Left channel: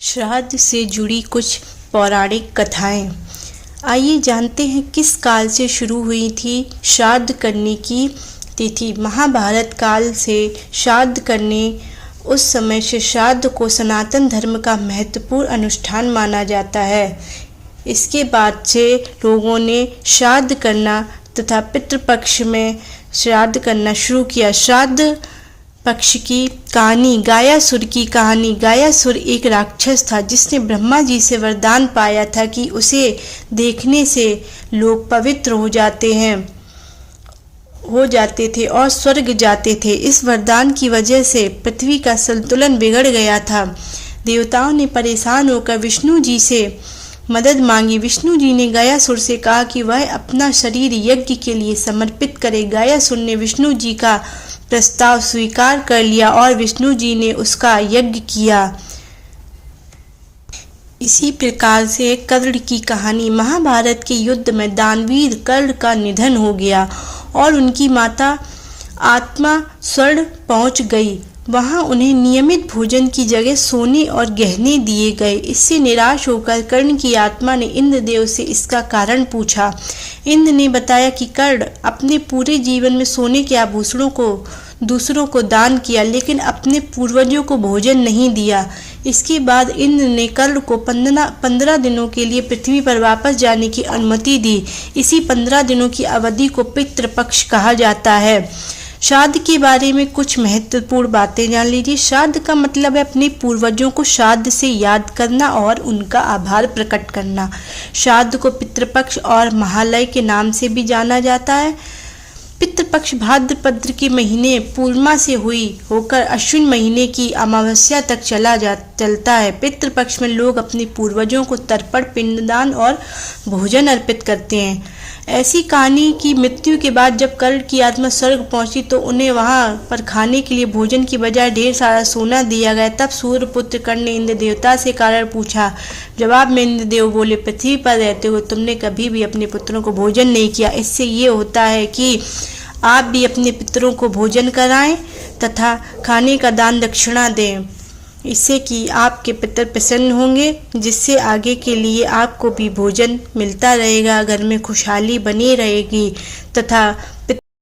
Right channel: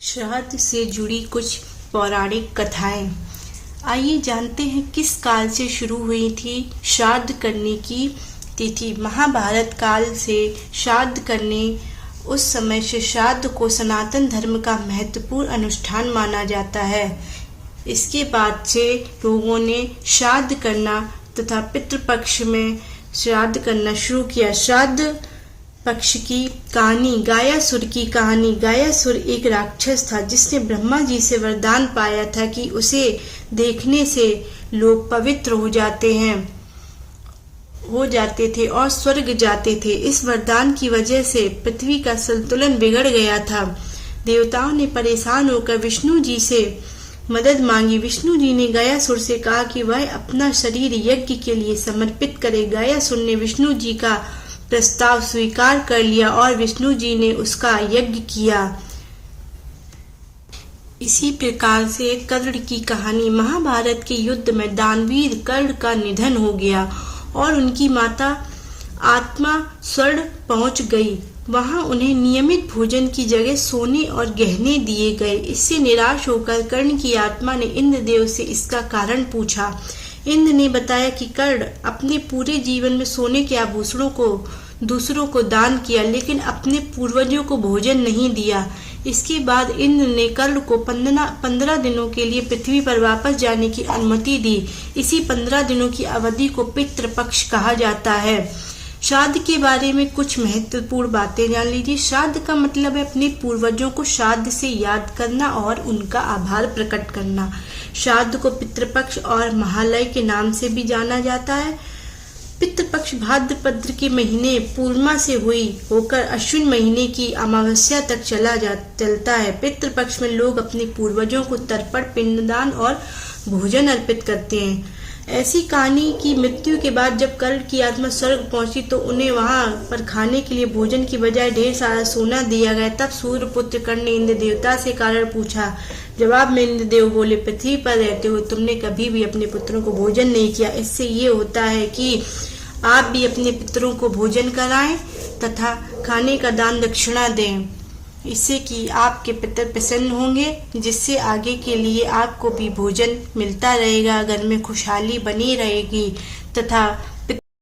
श्राद्ध से जुड़ी कुछ पौराणिक कथाएं। आइए जानते हैं किस काल से शुरू हुई थी श्राद्ध करने की तिथि। महाभारत काल से श्राद्ध करने उस समय से श्राद्ध को सनातन धर्म का महत्वपूर्ण अनुष्ठान माना जाता है। इसके बाद से लोगों ने श्राद्ध करना तथा पितृपक्ष में श्राद्ध करना शुरू किया। श्राद्ध पक्ष की कहानी, गायासुर की कहानी। गायासुर एक राक्षस था जिसने ब्रह्मा जी से वरदान पाया था कि उसे देखने से लोग पवित्र हो जाते थे और स्वर्ग जाते थे। इस वरदान की वजह से पृथ्वी का संतुलन बिगड़ गया था। देवताओं ने परेशान होकर विष्णु जी से मदद मांगी। विष्णु जी ने गायासुर से कहा कि वह अपना शरीर यज्ञ के लिए समर्पित करे। गायासुर ने विष्णु जी का प्रस्ताव स्वीकार कर लिया और विष्णु जी ने उसका यज्ञ किया। इसी प्रकार से कर्ण की कहानी। महाभारत के युद्ध में दानवीर कर्ण का निधन हो गया और उनकी माता आत्मा स्वर्ग पहुंच गई। वहां उन्हें नियमित भोजन की जगह सोने और गहने दिए गए। इससे निराश होकर कर्ण की आत्मा ने इंद्रदेव से इसका कारण पूछा। इंद्र ने बताया कि कर्ण अपने पूरे जीवन में सोने के आभूषणों को दूसरों को दान किया, लेकिन अपने पूर्वजों को भोजन नहीं दिया। इसके बाद इंद्र ने कर्ण को 15 दिनों के लिए पृथ्वी पर वापस जाने की अनुमति दी। इसी 15 दिनों की अवधि को पितृपक्ष कहा जाता है। श्राद्ध के बारे में कुछ महत्वपूर्ण बातें जान लीजिए। श्राद्ध का मतलब है अपने पूर्वजों को श्राद्ध से याद करना और उनका आभार प्रकट करना। श्राद्ध को पितृपक्ष और महालय के नाम से भी जाना जाता है। पितृपक्ष भाद्रपद के महीने पूर्णिमा से होकर अश्विन महीने की अमावस्या तक चलता है। पितृपक्ष में लोग अपने पूर्वजों को तर्पण, पिंडदान और भोजन अर्पित करते हैं। ऐसी कहानी की मृत्यु के बाद जब कर्ण की आत्मा स्वर्ग पहुंची तो उन्हें वहां पर खाने के लिए भोजन की बजाय ढेर सारा सोना दिया गया। तब सूर्यपुत्र कर्ण ने इंद्र देवता से कारण पूछा। जवाब में इंद्रदेव बोले, पृथ्वी पर रहते हो तुमने कभी भी अपने पुत्रों को भोजन नहीं किया। इससे ये होता है कि आप भी अपने पितरों को भोजन कराएं तथा खाने का दान दक्षिणा दें। इससे कि आपके पितर प्रसन्न होंगे, जिससे आगे के लिए आपको भी भोजन मिलता रहेगा, घर में खुशहाली बनी रहेगी तथा